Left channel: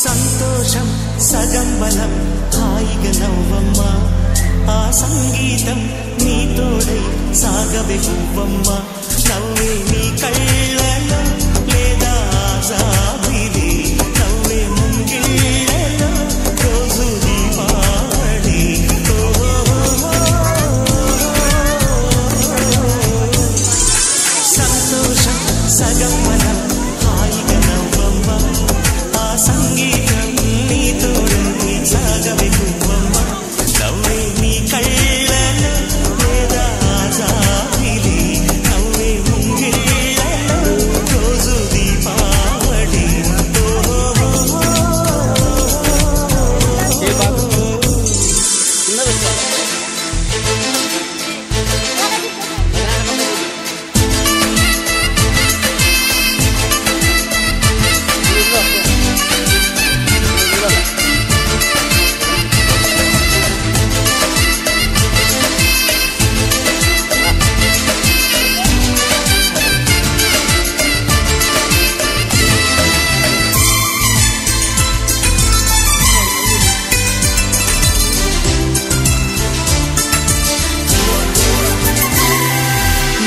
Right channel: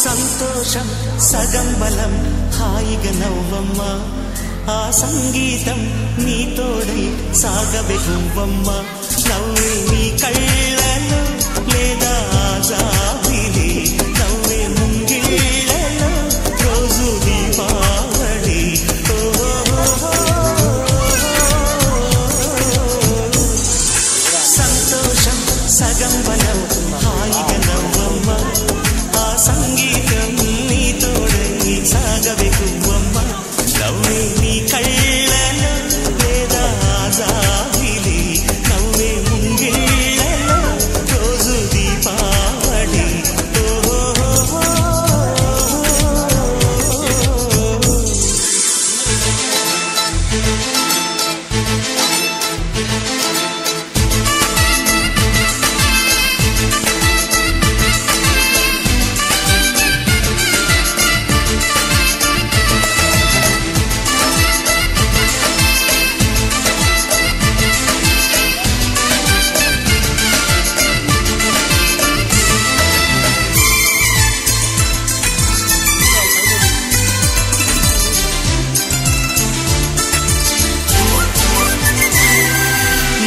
సంతోషం సగం బలం హాయిగా నవ్వమ్మ ఆ సంగీతం నీ తోడై సాగవే గువ్వమ్మ నవ్వే నీ కళ్ళలో లేదా జాబిలి నవ్వే ముంగిళ్ళలో రోజు దీపావళి సంతోషం సగం బలం హాయిగా నవ్వమ్మ ఆ సంగీతం నీ తోడై సాగవే గువ్వమ్మ నవ్వే నీ కళ్ళలో లేదా జాబిలి నవ్వే ముంగిళ్ళలో రోజు దీపావళి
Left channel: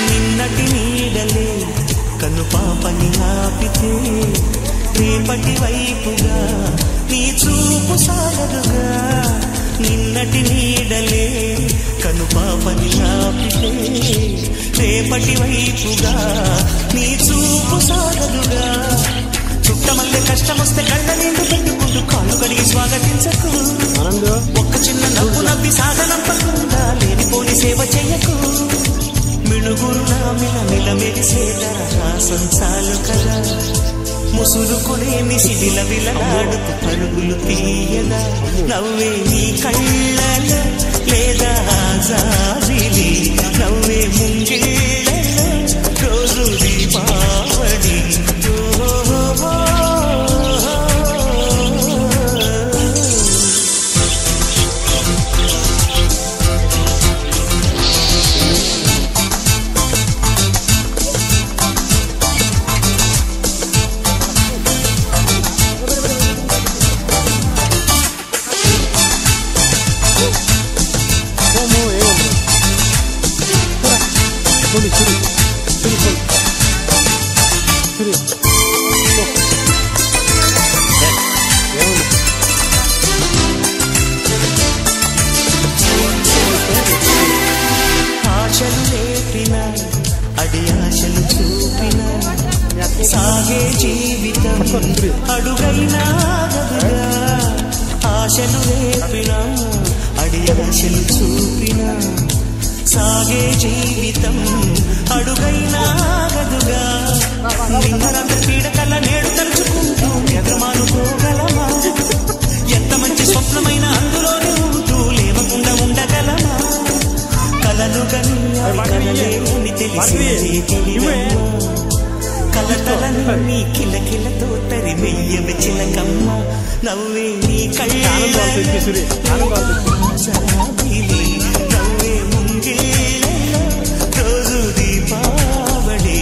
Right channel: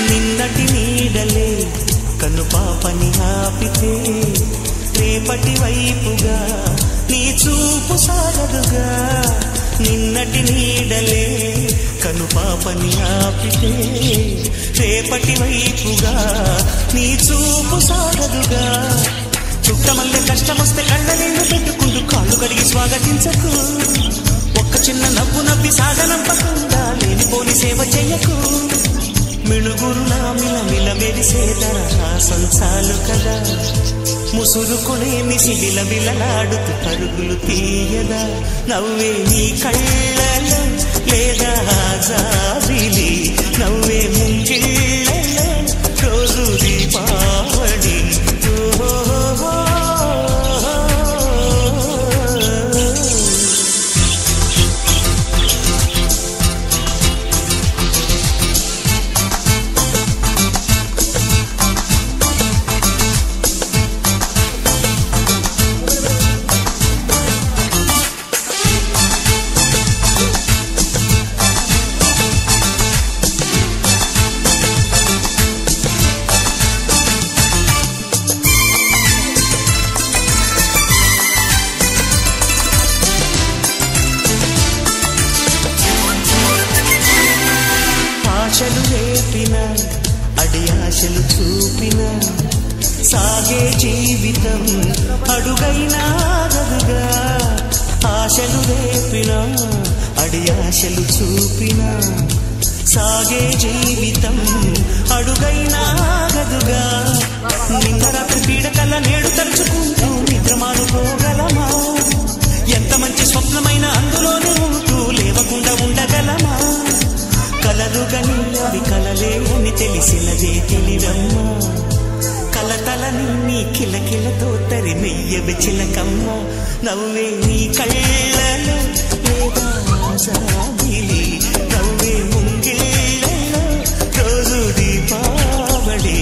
నిన్నటి నీడలే కను పాపని ఆపితే రేపటి వైపుగా నీ చూపు సాగదుగా నిన్నటి నీడలే కను పాపని ఆపితే రేపటి వైపుగా నీ చూపు సాగదుగా చుట్టమల్లె కష్టమొస్తే కళ్ళ నీళ్లు పెట్టుకుంటూ కాళ్ళు కడిగి స్వాగతించకు ఒక్క చిన్న నవ్వు నవ్వి సాగనంపకుండా లేనిపోని సేవ చెయ్యకు మిణుగురులా మిలమిల మెరిసే దరహాసం చాలు కదా ముసురుకునే మిసిడిల విలలాడుతూ పరుగులు తీయదా నవ్వే నీ కళ్ళలో లేదా జాబిలి నవ్వే ముంగిళ్ళలో రోజు దీపావళి ఆశలు రేపిన అడి ఆశలు చూపిన సాగే జీవితం అడుగైనా గదుగా ఆశలు రేపిన అడి ఆశలు చూపిన సాగే జీవితం అడుగైనా గదుగా నిన్న రాత్రి పీడకల నేడు తలుచుకుంటూ నిద్రమానుకోగలమా ఎంత మంచి స్వప్నమైన అందులోనే ఉంటూ లేవకుండా ఉండగలమా కలలుగని అవి కలలే అని తెలిసినదే తెలివమ్మా కలతలని నీ కిలకిలతో తరిమెయ్యవే చిలకమ్మ నవ్వే నీ కళ్ళలో లేదా జాబిలి నవ్వే ముంగిళ్ళలో రోజు దీపావళి